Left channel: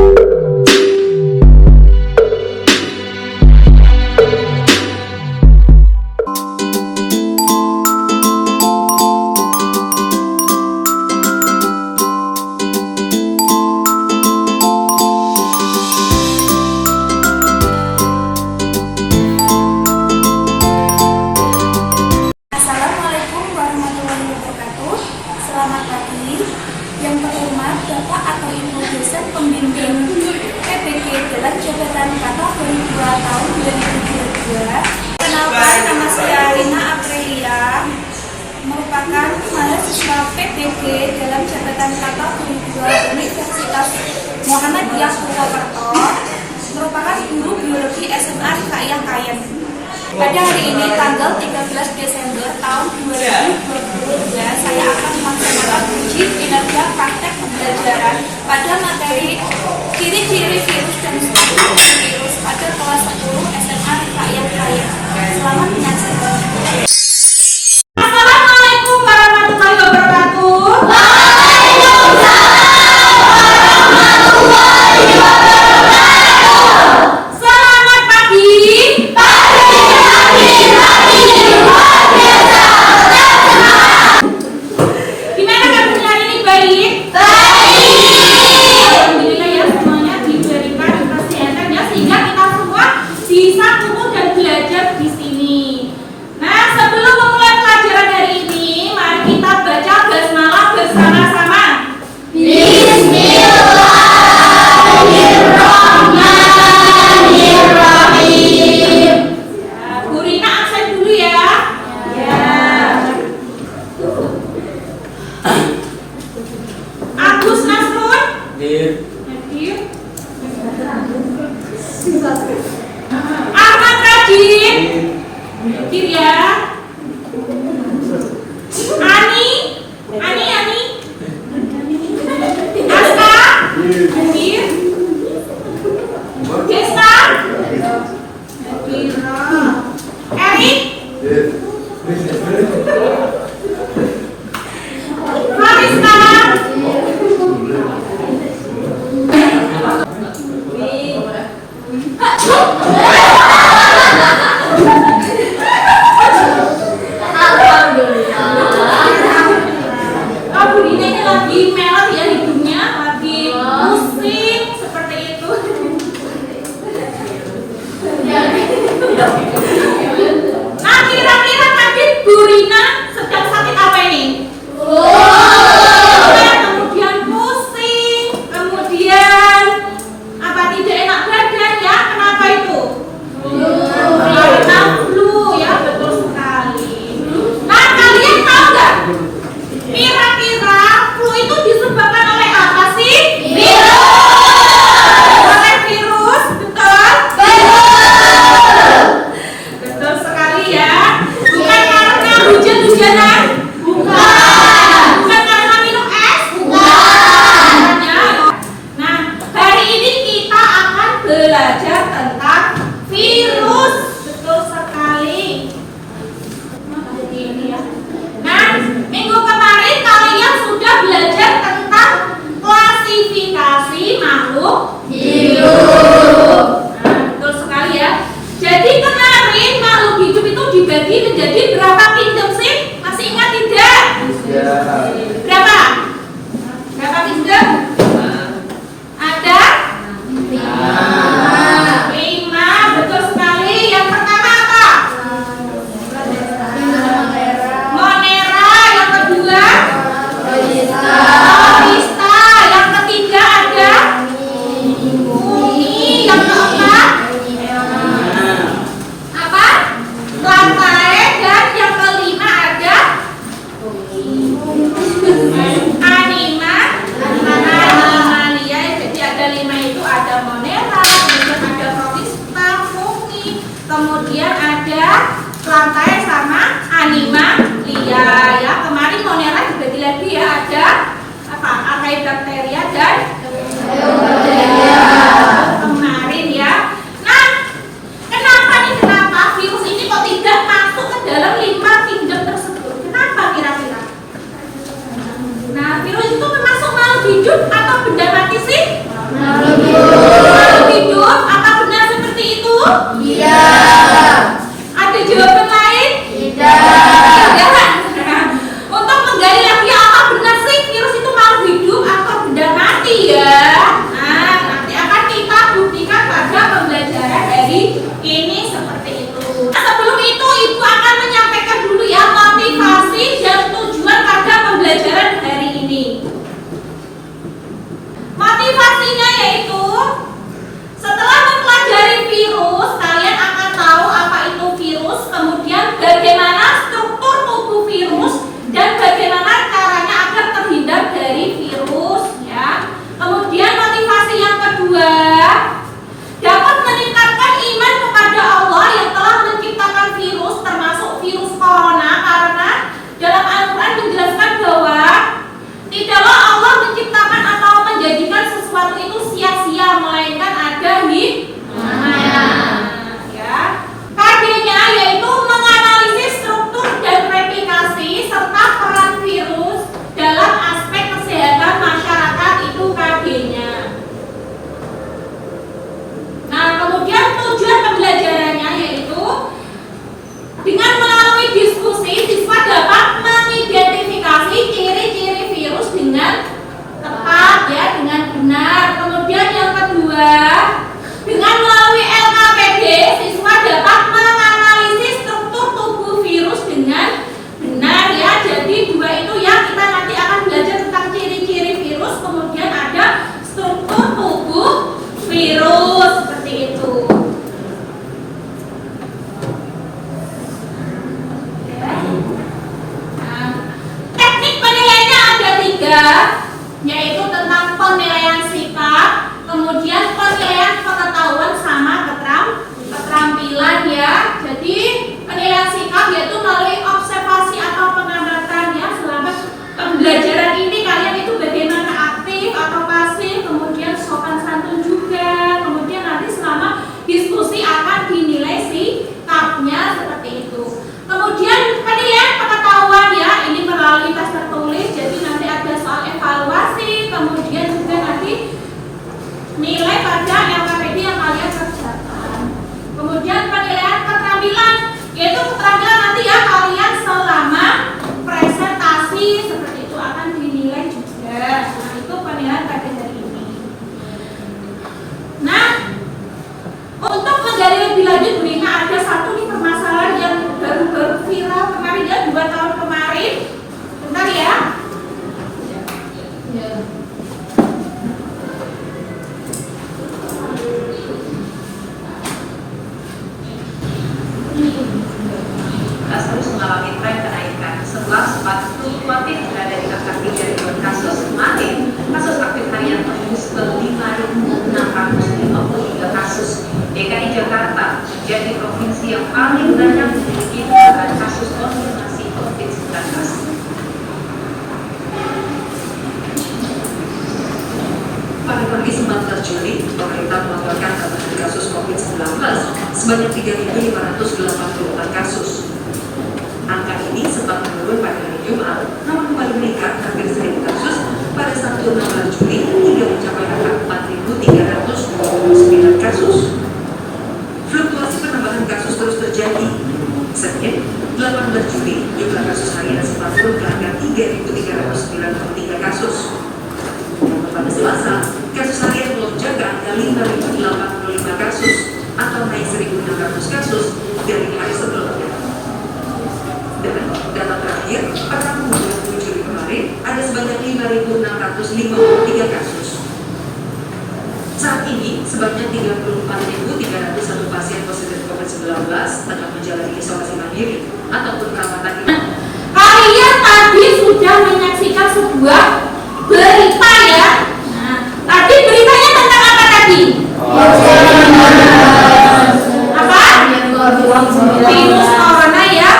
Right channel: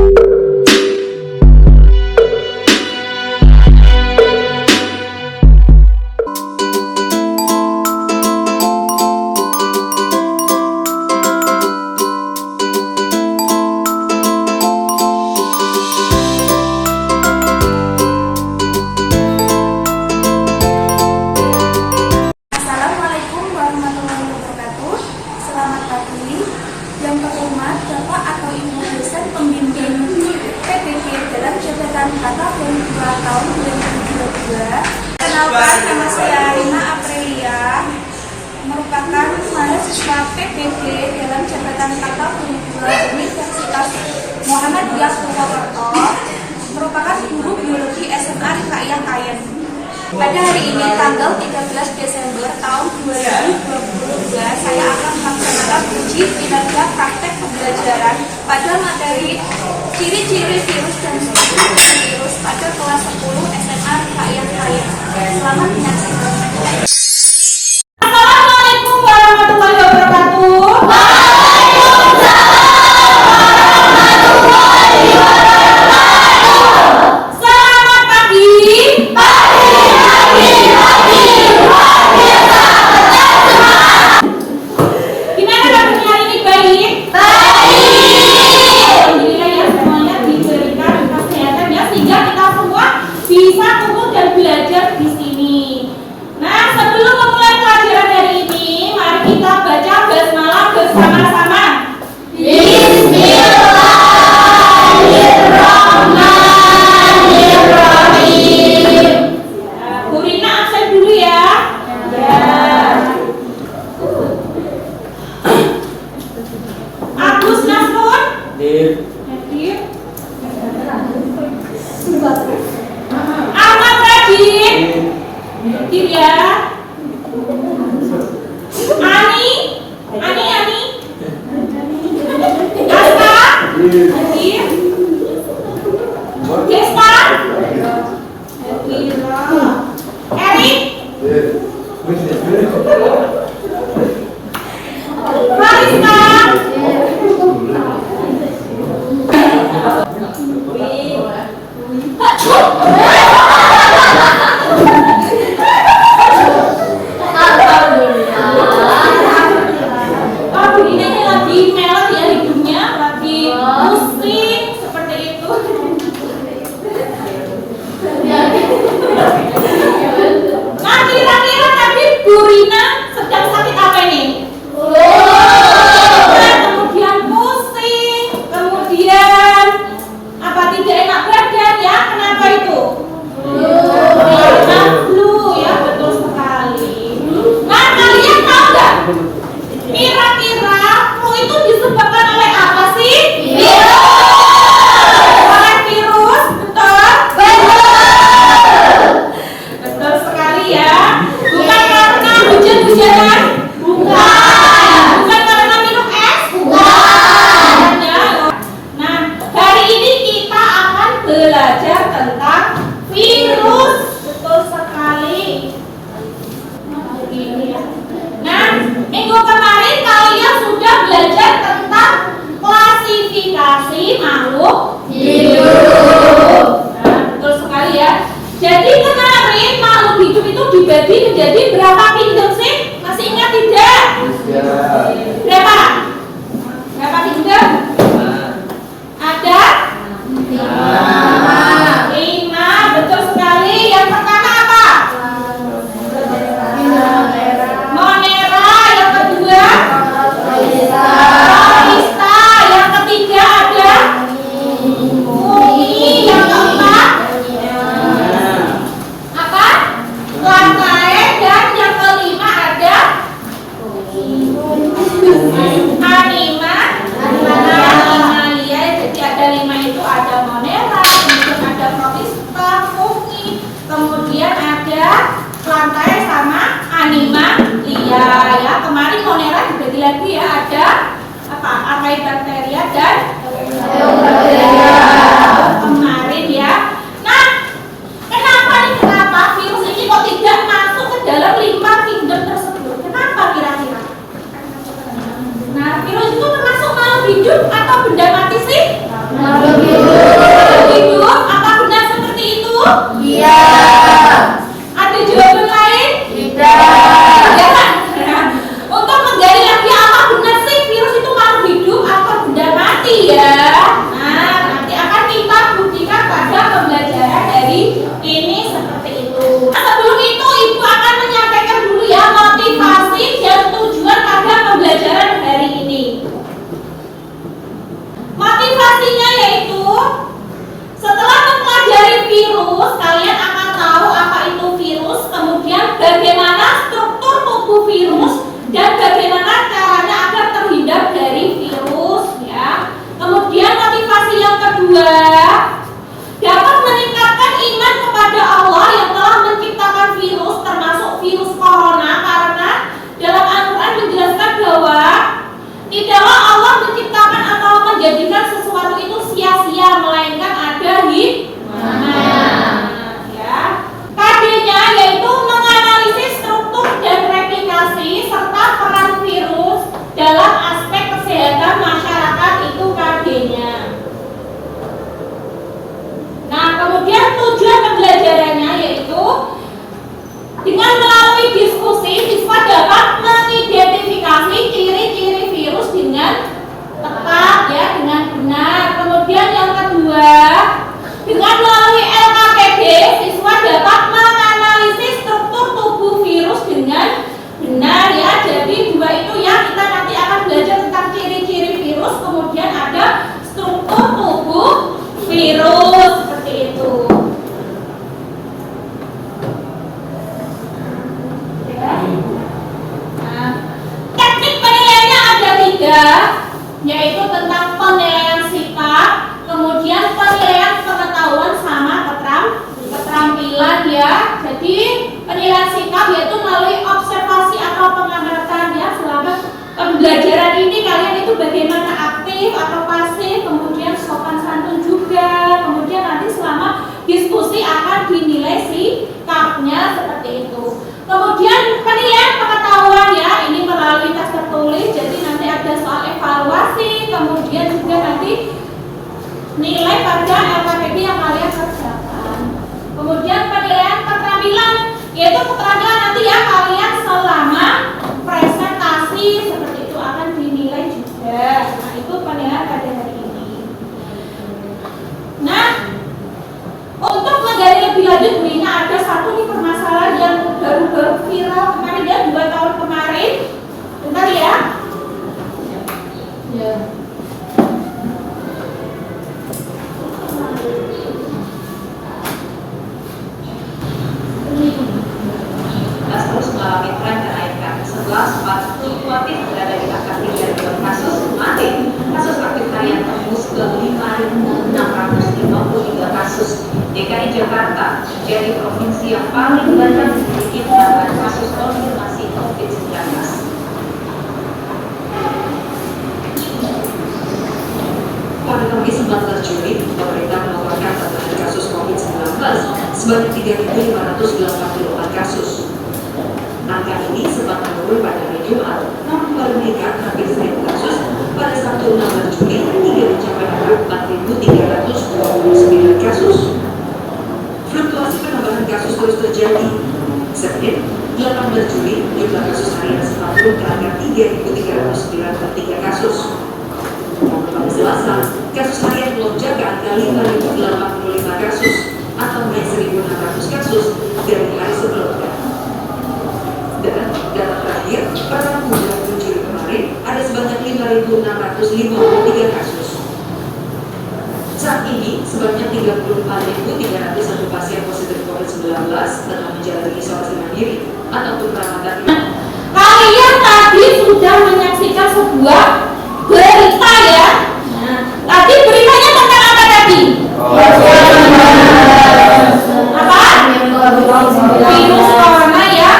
Selamat pagi. Yang terhormat Bapak atau Ibu dosen pembimbing PPG dalam jabatan kategori 2 tahun 2022. Kenalkan, nama saya Rina Aprilia, merupakan mahasiswa PPG dalam jabatan kategori 2 Universitas Muhammadiyah Purwokerto, merupakan guru biologi SMA Rifaiah Kayen. Pada hari ini tanggal 13 Desember tahun 2022, saya akan melaksanakan uji kinerja praktek pembelajaran pada materi ciri-ciri virus dan struktur virus pada kelas 10 SMA Rifaiah Kayen. Selamat menyaksikan. Assalamualaikum warahmatullahi wabarakatuh. Selamat pagi. Gimana kabarnya hari ini? Baik? Alhamdulillah ya, semuanya diberikan kesehatan ya, sehingga kita semua bisa kumpul dan belajar di sini. Nah, sebelum memulai pelajaran hari ini, mari kita baca basmalah bersama-sama. Bismillahirrahmanirrahim. Bu Rina absen dulu ya. Agus Nasrun. Hadir. Ahmad Rajin. Hadir ya. Ani. Asta. Hadir. Desta. Hadir. Erik. Mariska. Bu Rina ini lagi melot ya hidungnya, lagi pusing seperti itu. Nah, kira-kira tadi Bu Rina sedang sakit apa ini? Nah, kemudian pusing, kemudian apa, tidak enak badan ya? Kenapa itu? Karena flu ya, betul sekali. Nah, kalian tahu nggak? Kira-kira flu itu disebabkan oleh apa sih? Oleh virus, betul? Betul sekali ya. Bukan karena hujan-hujanan? Bukan karena minum es? Bukan ya. Nah, hari ini kita akan belajar tentang virus. Betul sekali. Nah, begini ya. Nah, minggu kemarin kalian sudah belajar tentang klasifikasi makhluk hidup. Nah, betul sekali ya. Jadi kemarin makhluk hidup itu dibagi menjadi berapa pindem sih? Masih ingat tidak? Berapa? Berapa pindem? Ada? 5. Betul sekali. Yang pertama apa? Monera. Yang kedua? Loista. Yang ketiga ada? Mumi. Yang keempat? Apa? Lantai. Dan yang kelima ada? Animalia. Jadi ada 5 itu, ada monera, kemudian ada protista, mumi, kemudian ada lantai sama animalia ya. Kemarin monera dibagi lagi ya, ada apa? Archaebacteria dan kemarin ya. Nah, kenapa virus ini kok tidak masuk ke dalam 5 kingdom tersebut? Kenapa kira-kira? Nah, virus itu termasuk makhluk hidup atau benda mati sih? Makhluk hidup. nilai pada LKPD yang kalian kerjakan. Kemudian penilaian keterampilan, yaitu keterampilan nanti ya kalian selama presentasi seperti itu akan dinilai juga. Nah, itu penilaian pada hari ini. Nah, untuk menggali lebih lanjut, Brina ada satu nih permasalahan yang baru-baru viral kemarin ya, 2 tahun kemarin. Bentar ya. Ya. Terus mengalami tren kenaikan setelah sempat fluktuatif berada di angka 3.000 kasus mati. Kasus aktif harian tembus ke 5.653 kasus. DKI Jakarta menjadi provinsi yang paling banyak memiliki penambahan kasus konfirmasi COVID-19. Pada Kamis 19 Juli, pemerintah melaporkan tambahan kasus COVID-19 sebanyak 3.584 kasus. Angka ini sempat menurun pada hari Jumat, namun kembali meningkat hampir 1.000 kasus pada Sabtu 16 Juli hingga mencapai angka 4.329 kasus. Fluktuasi penambahan kasus terus terjadi. Senin, 18 Juli, jumlah kasus harian sempat turun ke angka 3.393 kasus. Pada Selasa, kasus harian melonjak ke angka 5.085 kasus atau naik 1.600 kasus dari hari sebelumnya. Dan data terakhir pada bulan Juli kemarin ada sebanyak 5.653 kasus. Saat ini sebanyak 34.301 pasien positif COVID-19 tengah menjalani isolasi mandiri ataupun perawatan. Kalian tadi sudah menyaksikan sebuah berita ya. Nah, tadi beritanya tentang apa tadi? Apa? Virus corona ya.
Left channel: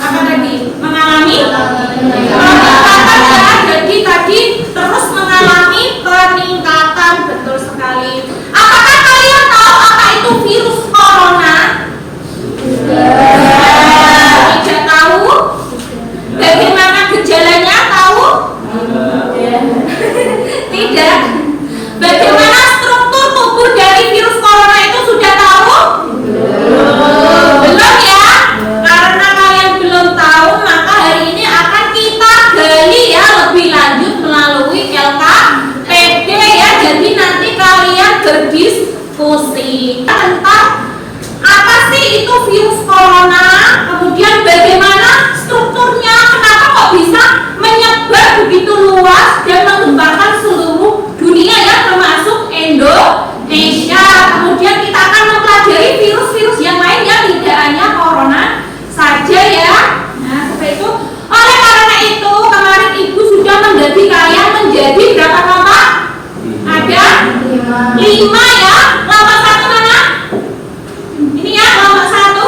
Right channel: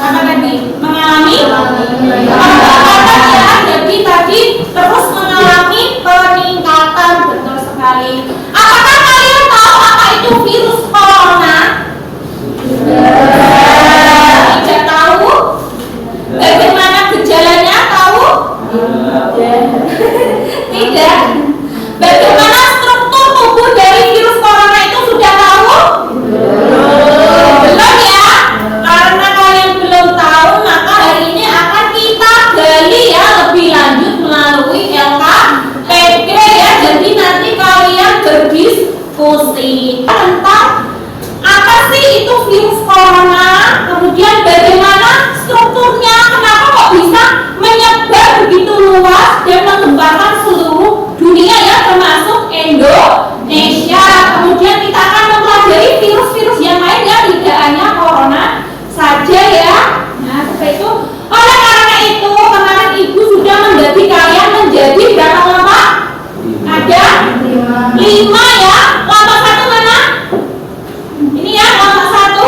Apa tadi? Mengalami peningkatan ya. Jadi tadi terus mengalami peningkatan, betul sekali. Apakah kalian tahu apa itu virus corona? Tidak tahu? Bagaimana gejalanya? Tahu? Tidak. Bagaimana struktur tubuh dari virus corona itu sudah tahu? Belum ya? Karena kalian belum tahu, maka hari ini akan kita gali ya lebih lanjut melalui LKPD ya. Jadi nanti kalian berdiskusi tentang apa sih itu virus corona, kemudian bagaimana strukturnya, kenapa kok bisa menyebar begitu luas dan menggemparkan seluruh dunia ya, termasuk Indonesia. Kemudian kita akan mempelajari virus-virus yang lainnya, tidak hanya corona saja ya. Nah, seperti itu. Oleh karena itu, kemarin Ibu sudah mendaki kalian menjadi berapa kelompok? Ada 5 ya. Kelompok 1 mana? Ini ya, kelompok 1.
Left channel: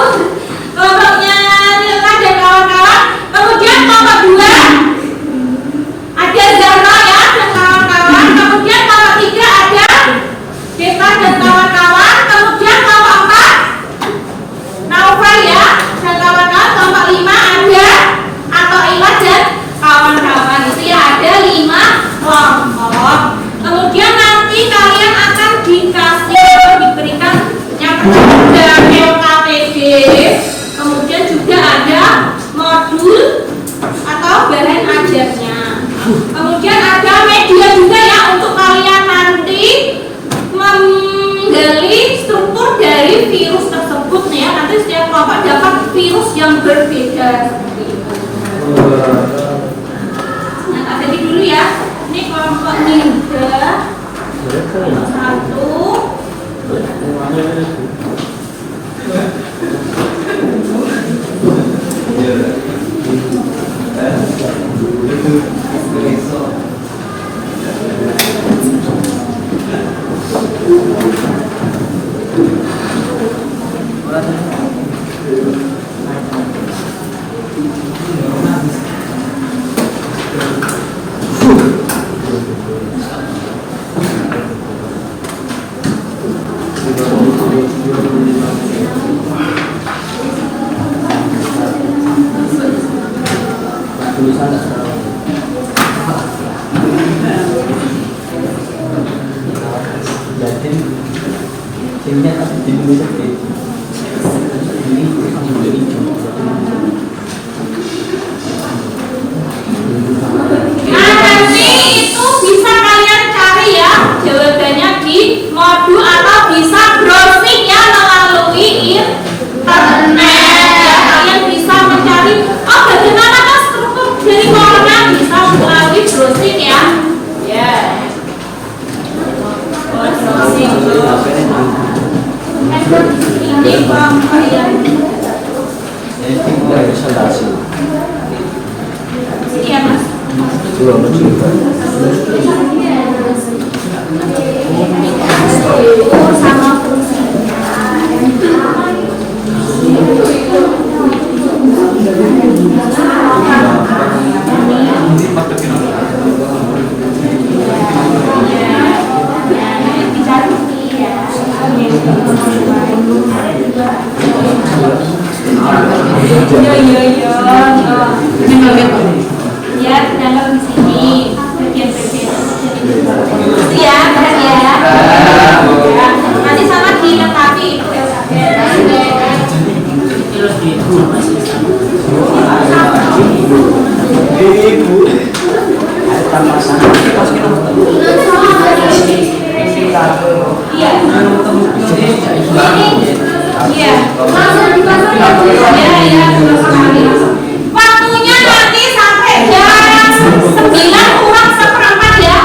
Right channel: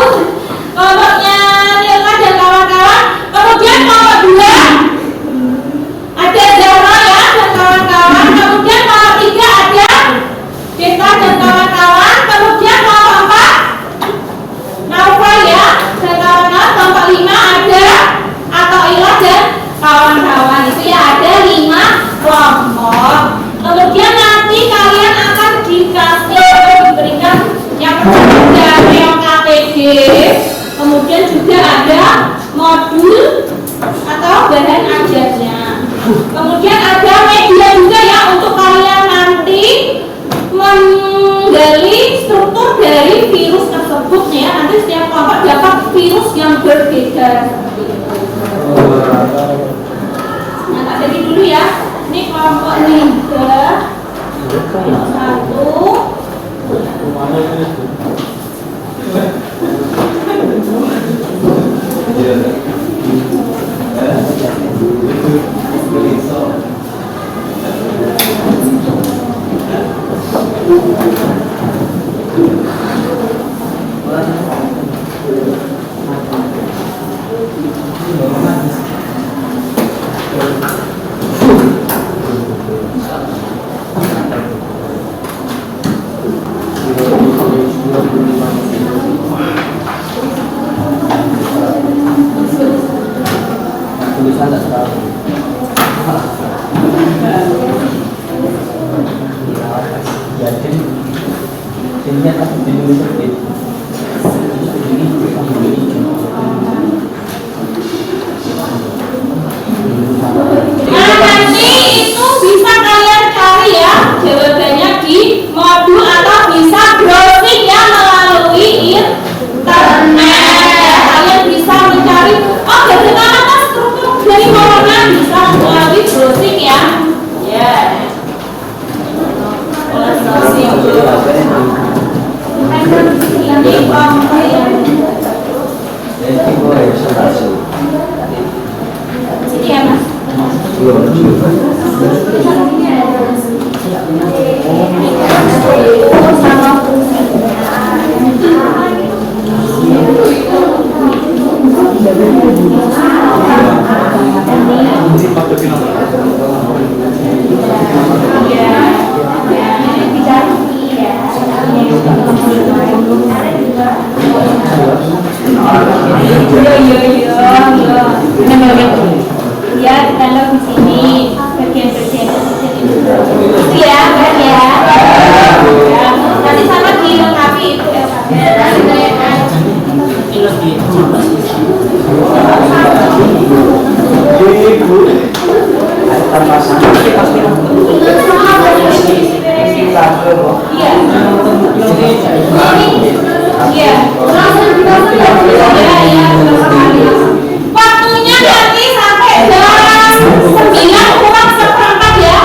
Kelompoknya Nilka dan kawan-kawan. Kemudian kelompok 2 ada Zara ya dan kawan-kawan. Kemudian kelompok 3 ada Deta dan kawan-kawan. Kemudian kelompok 4 Naufal ya dan kawan-kawan. Kelompok 5 ada Atoila dan kawan-kawan. Itu ya, ada 5 kelompok. Kemudian nanti kalian akan dikasih atau diberikan yang pertama dari LKPD. Kemudian juga ada modul atau bahan ajarnya. Kemudian ada media juga ya untuk kalian nanti menggali struktur dari virus tersebut nih ya. Nanti setiap kelompok dapat virus yang berbeda seperti itu. Nah, tadi dulu ya. Ini kelompok ninja. Kelompok 1. Jadi sehingga aku bingung seperti ini nanti itu bisa kalian cari ya jawabannya di modul atau bisa browsing ya melalui internet. Kalian bisa mencari bagaimana struktur dari corona bisa melalui browsing ya. Iya mas. Ya, dalam di sini bagian-bagian itu ya, ya. Nanti sama dilengkapi itu waktunya nanti sampai jam 9 kurang seperempat ya.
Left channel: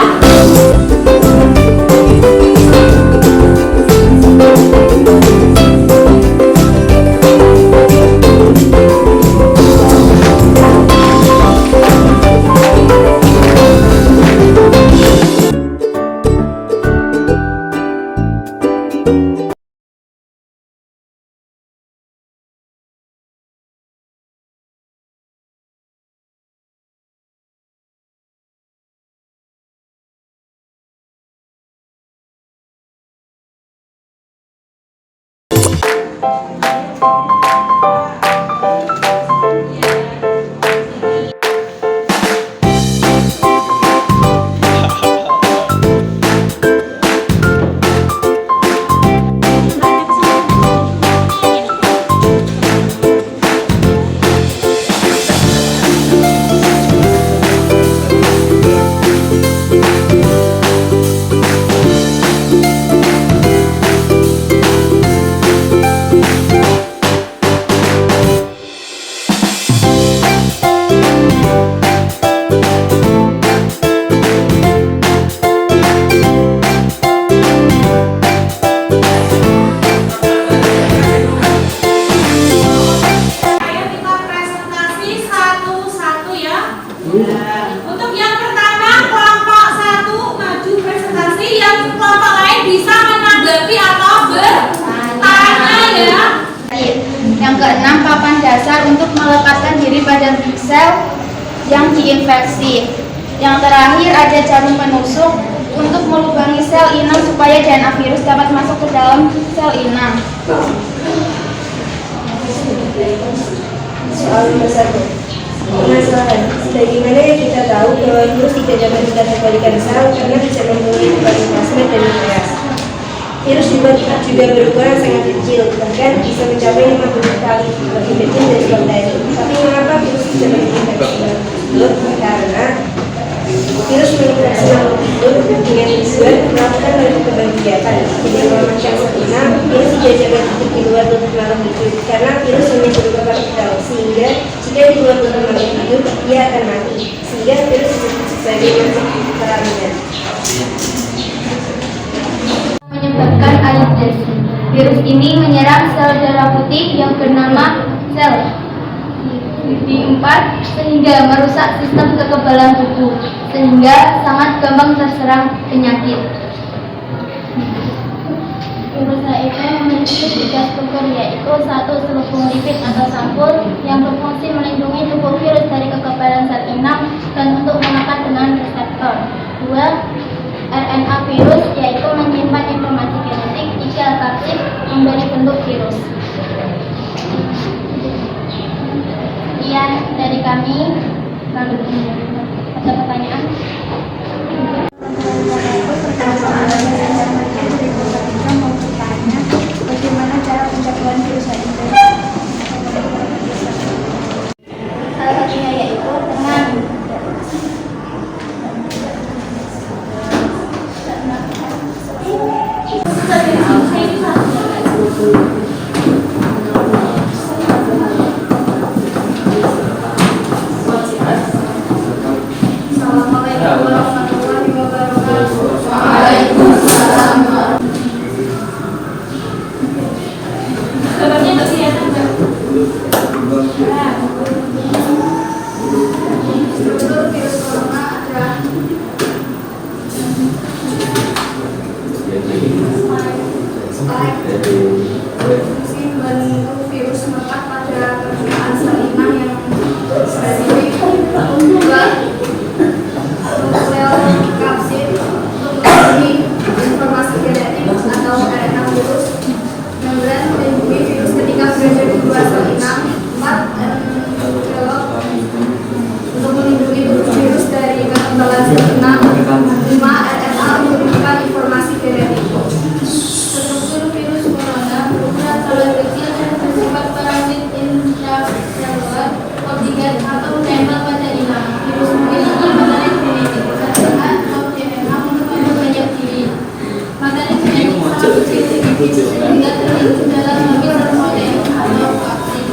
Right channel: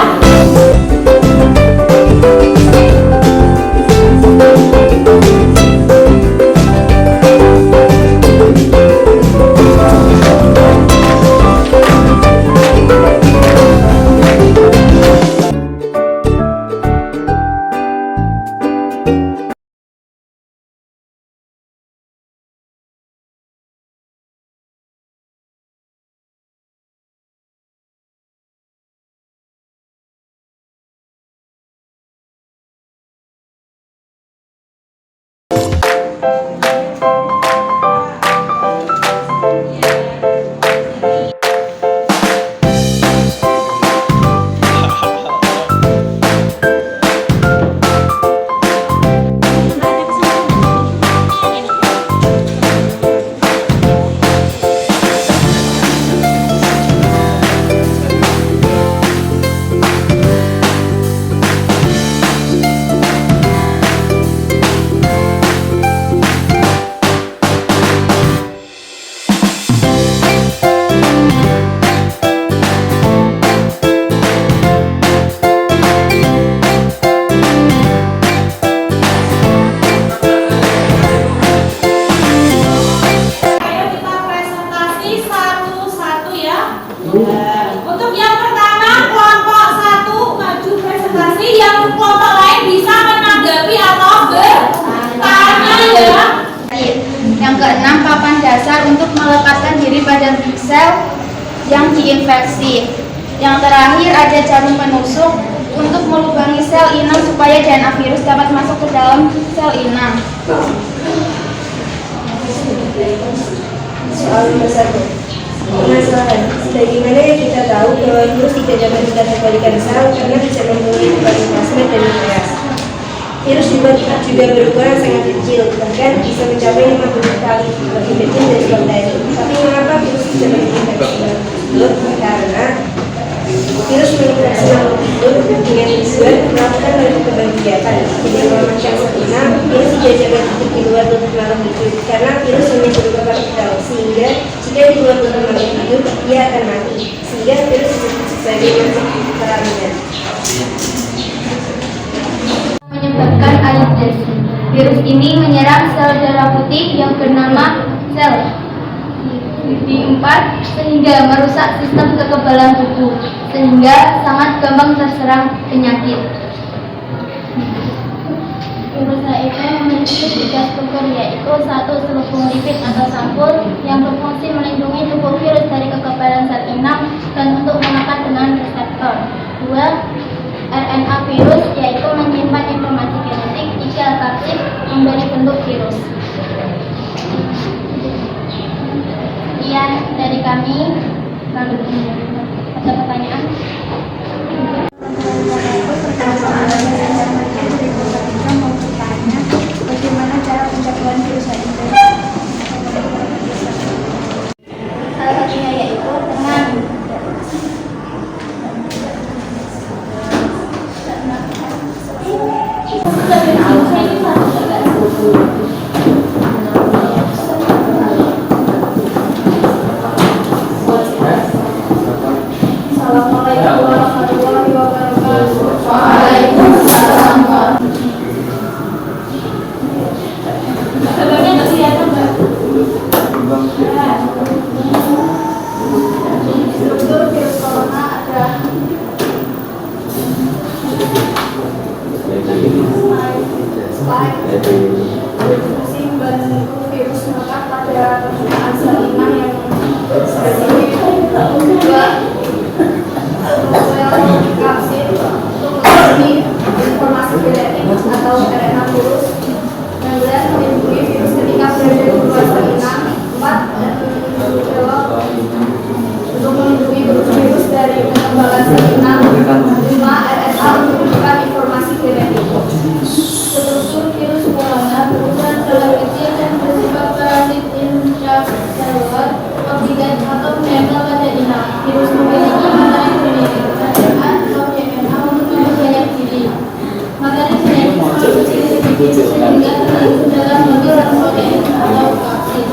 Untuk yang pertama kelompok 1 maju presentasi, yang kelompok lain bisa menanggapi atau bertanya ya. Yang keenam, papan dasar untuk melepaskan diri pada sel yang diinfeksi. Yang terakhir ada jarum penusuk untuk melubangi sel inang supaya DNA virus dapat masuk ke dalam sel inang. Soal nomor 1. Permasalahan, sebagaimana yang kita tahu bahwa virus tidak dapat kita kembalikan sel karena bisa mempunyai berbagai plasmid dan nukleus. Virus juga berukuran sangat kecil, bahkan bisa mencapai 50 kali lebih kecil dari bakteri. Tapi mengapa virus bisa menginfeksi makhluk? Karena virus menginfeksi makhluk hidup dengan tujuan melakukan banyak kegiatan. Tidak mengamankan sel inang, virus dijajakan hidup di luar tubuh makhluk hidup karena virus hanya berupa partikel, sehingga jika di luar tubuh makhluk hidup, ia akan mati. Sehingga virus disebut sebagai masuk peralihan. Menyebabkan AIDS. Virus ini menyerang sel darah putih yang bernama sel CD4 sehingga merusak sistem kekebalan tubuh, sehingga sangat gampang terserang penyakit. Virus HIV memiliki 3 struktur, yaitu 1. Selubung lipid atau sampul yang berfungsi melindungi tubuh virus dari kekebalan sel inang dan untuk menekan dengan reseptor. 2. RNA virus, yaitu menyimpan informasi genetik 3 kapsid memberi bentuk virus. Sekian dari kami. Lalu ada pertanyaan? Fungsi membantu virus melekat pada permukaan sel inang yang spesifik. Kedua, sel kapsid untuk melindungi informasi genetik atau RNA virus. Yang berat melindungi virus ketika berada di luar sel inang. 4, envelop untuk melindungi virus dari kekebalan sel inang. 5, RNA untuk memberikan informasi genetik. Struktur virus corona berukuran skala kecil dan bersifat parasit intraselular, oksigen atau menempel pada inang. Virus memiliki materi genetik RNA atau DNA untuk memperbanyak diri. Materi genetik sangat kecil sedikit sehingga terlihat dalam mobil protein atau vaksin.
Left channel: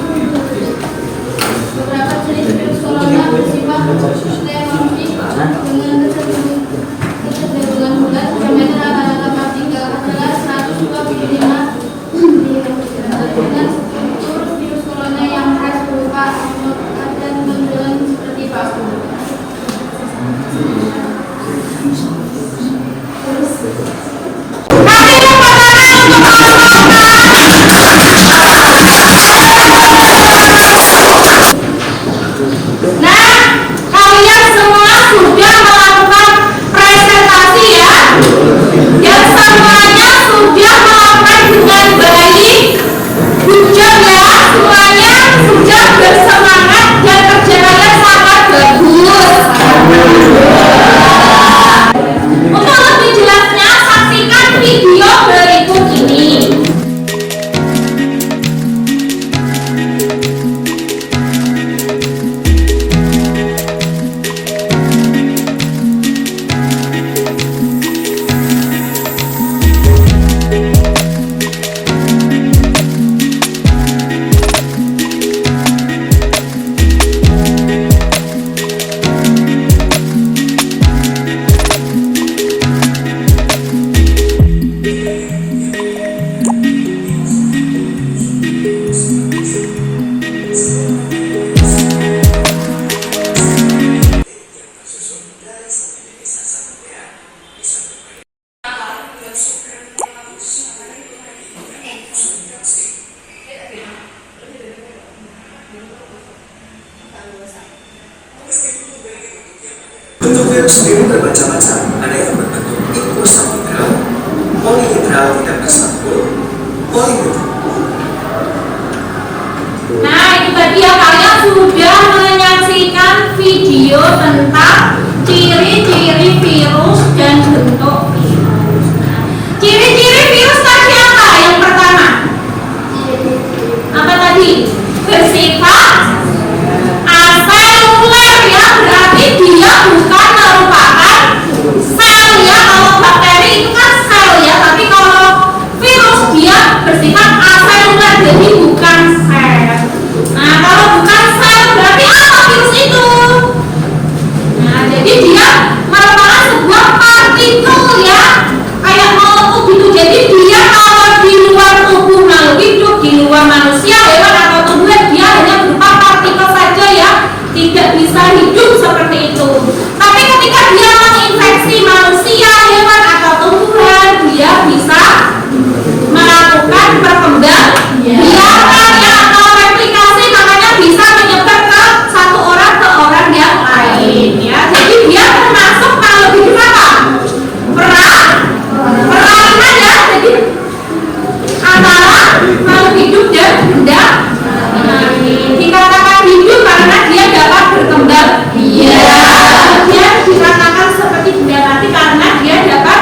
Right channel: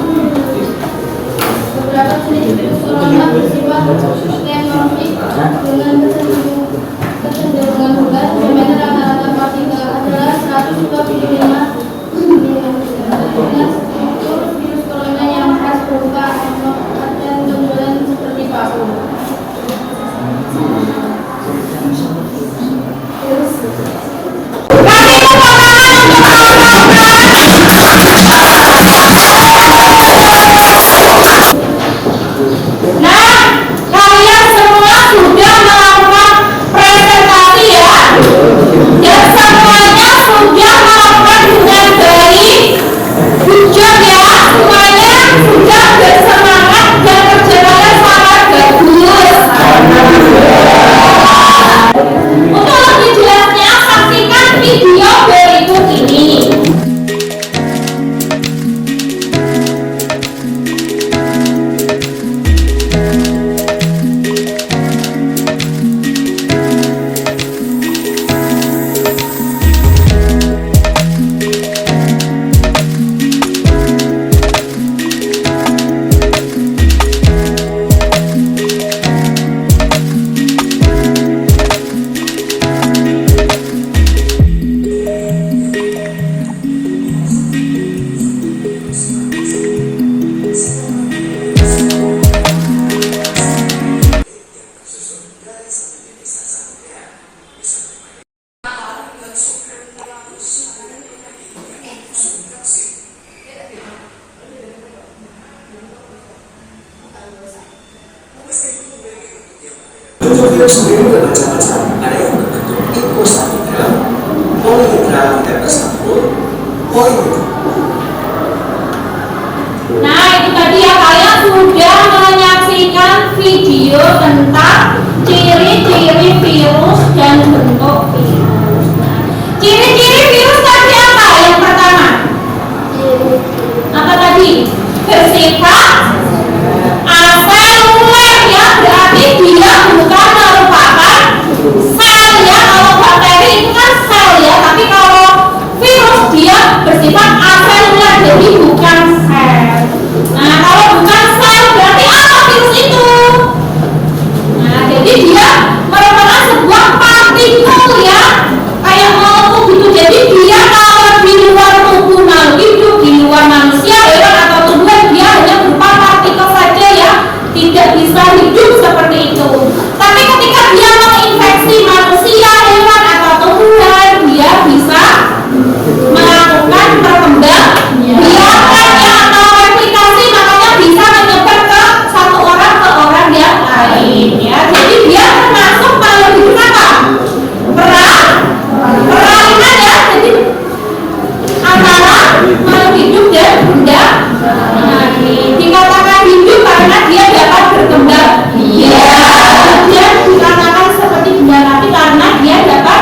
Beberapa jenis virus corona bersifat tetromorfik dengan kecenderungan bulat. Diameter rata-rata partikel adalah 125 dengan struktur virus corona yang khas berupa amorf dan benturan seperti paku. Nah, kalian semua sudah melakukan presentasi ya, dan semuanya sudah melakukan dengan baik. Good job ya, semuanya sudah bersemangat dan kerjanya sangat bagus. Untuk lebih jelasnya, saksikan video berikut ini. Bentuk virus sendiri bermacam-macam. Ada yang berbentuk intracellular, polihidral tidak bercampur, polimetrik. Nah, itu tadi ya, kalian sudah menyaksikan video tentang ciri-ciri virus dan bentuk virus. Nah, ciri-ciri virus tadi apa? Yang pertama, apa tadi? Bersifat aseluler ya, berarti dia bukan merupakan sel ya. Kalau bakteri itu kan sel ya, tapi kalau virus dia bersifat aseluler, jadi bukan sel. Nah, kalau bukan sel berarti apa virus itu? Nah, jadi dia merupakan sebuah partikel ya, kayak molekul gitu. Jadi dia kalau di luar tubuh makhluk hidup, di luar manusia, hewan atau tumbuhan, dia hanya berupa partikel saja ya, tidak bisa hidup seperti itu. Tapi ketika dia menginfeksi manusia, hewan atau tumbuhan, dia bisa melakukan perkembangbiakan ya, atau replikasi, makanya bisa menyebar ke satu orang ke orang yang lain ya. Jadi dia termasuk kalau hidup apa? Peralihan ya. Jadi antara makhluk hidup dan benda mati. Dikatakan hidup karena dia dapat berkembang biak. Dia dikatakan seperti benda mati karena dia dapat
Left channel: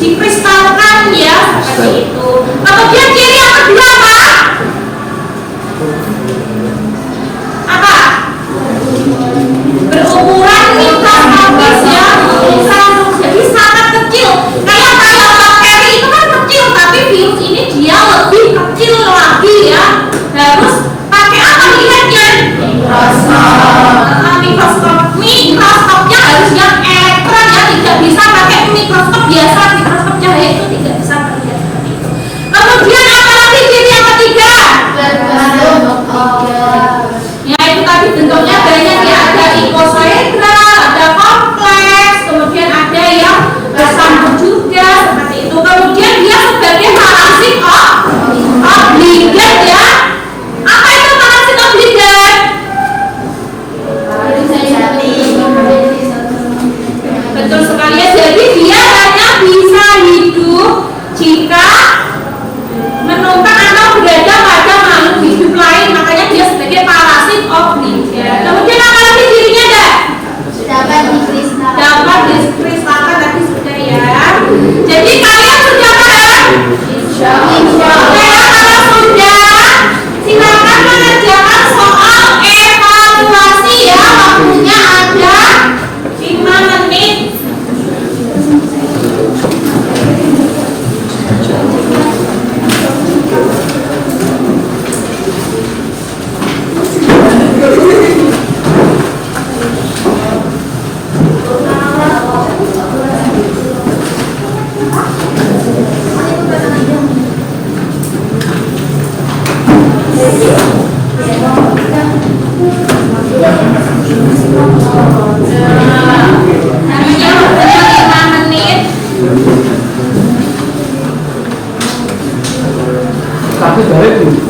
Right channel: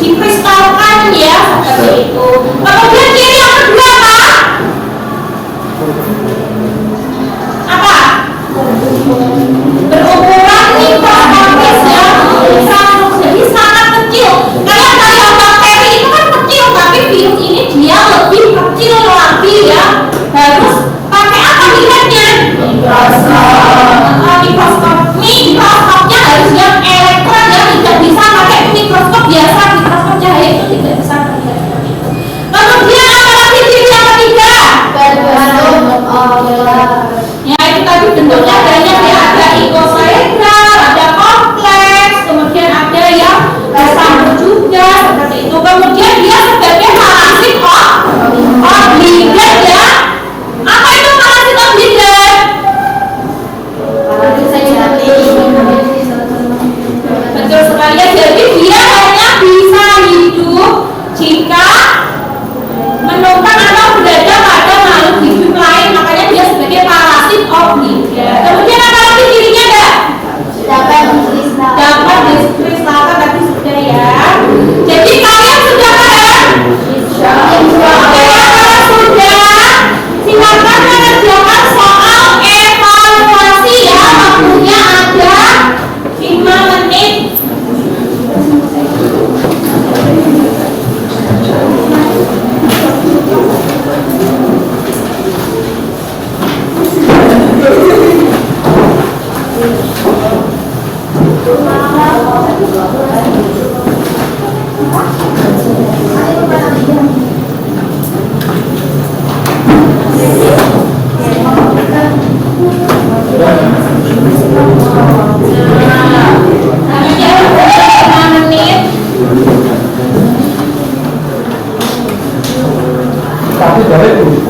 dikristalkan ya, seperti itu. Kemudian ciri yang kedua apa? Apa? Berukuran mikroskopis ya, jadi sangat kecil. Kayak bakteri itu kan kecil, tapi virus ini dia lebih kecil lagi ya. Harus pakai apa lihatnya? Mikroskopnya harus yang elektron ya, tidak bisa pakai mikroskop biasa, mikroskop cahaya itu tidak bisa terlihat seperti itu. Kemudian apa lagi ciri yang ketiga? Ya, itu tadi bentuknya banyak ya, ada ikosaedral, ada kompleks, kemudian ada yang bersambung juga seperti itu. Kemudian dia sebagai parasit Tapi dari itu.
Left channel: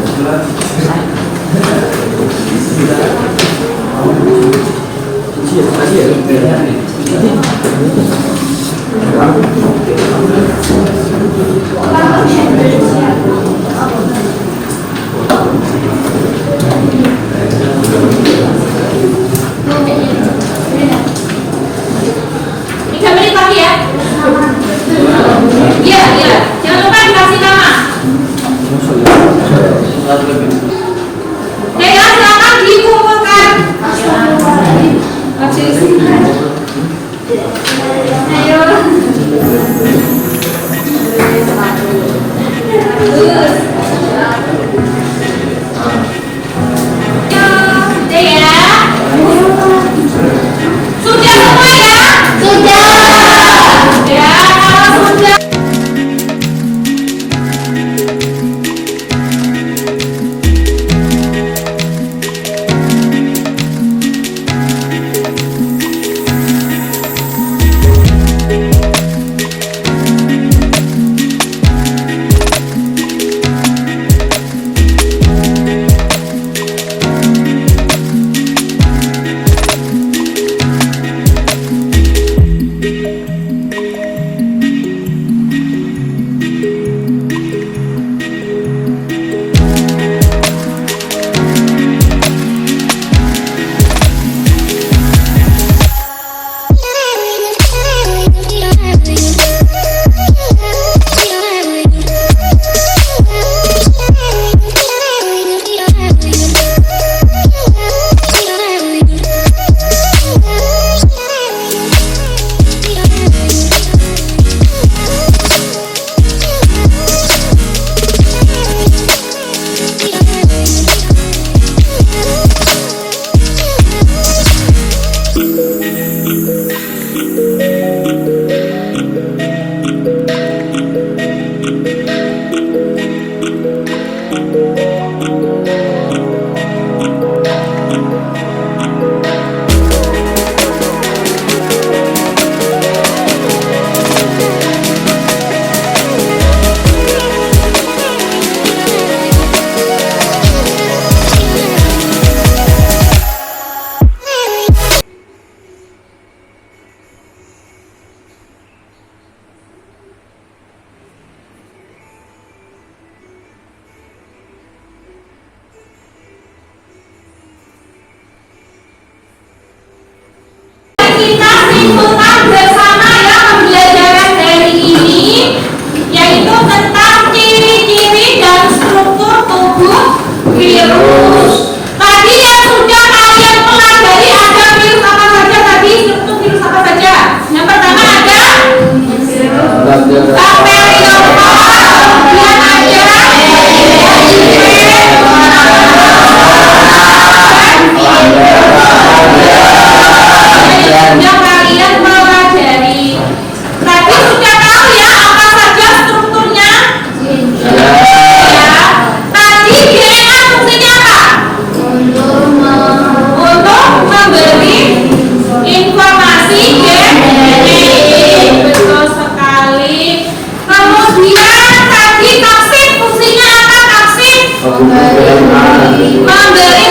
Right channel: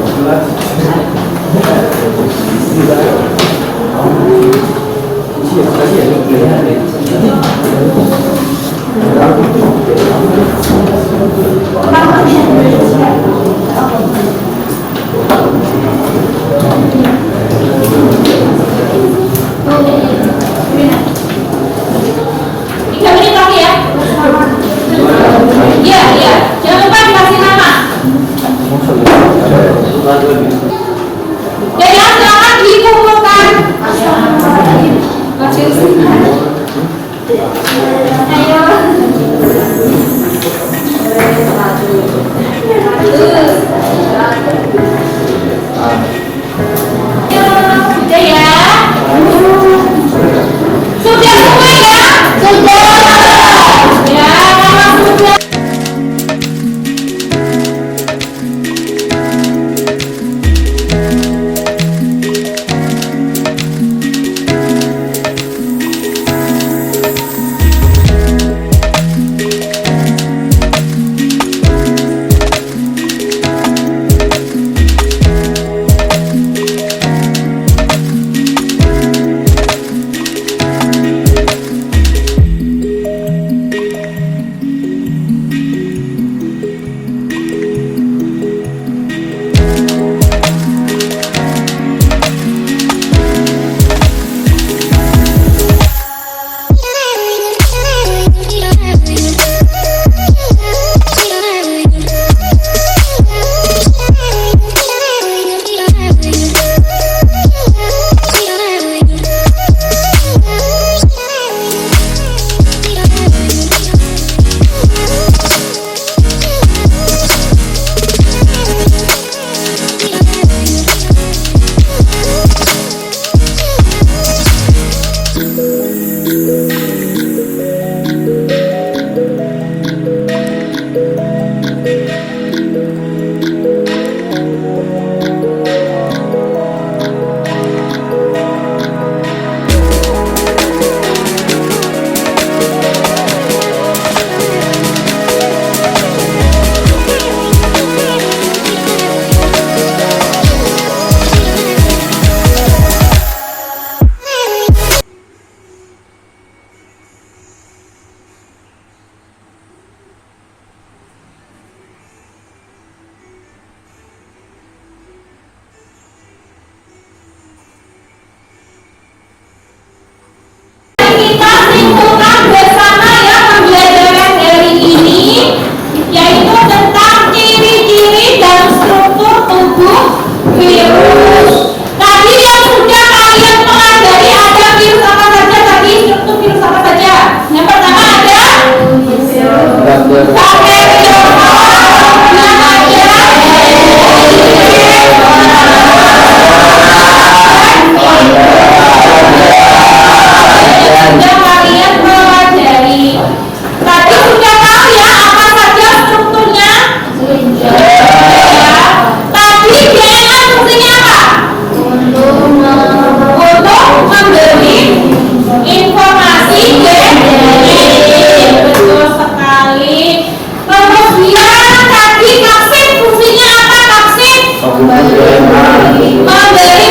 memberi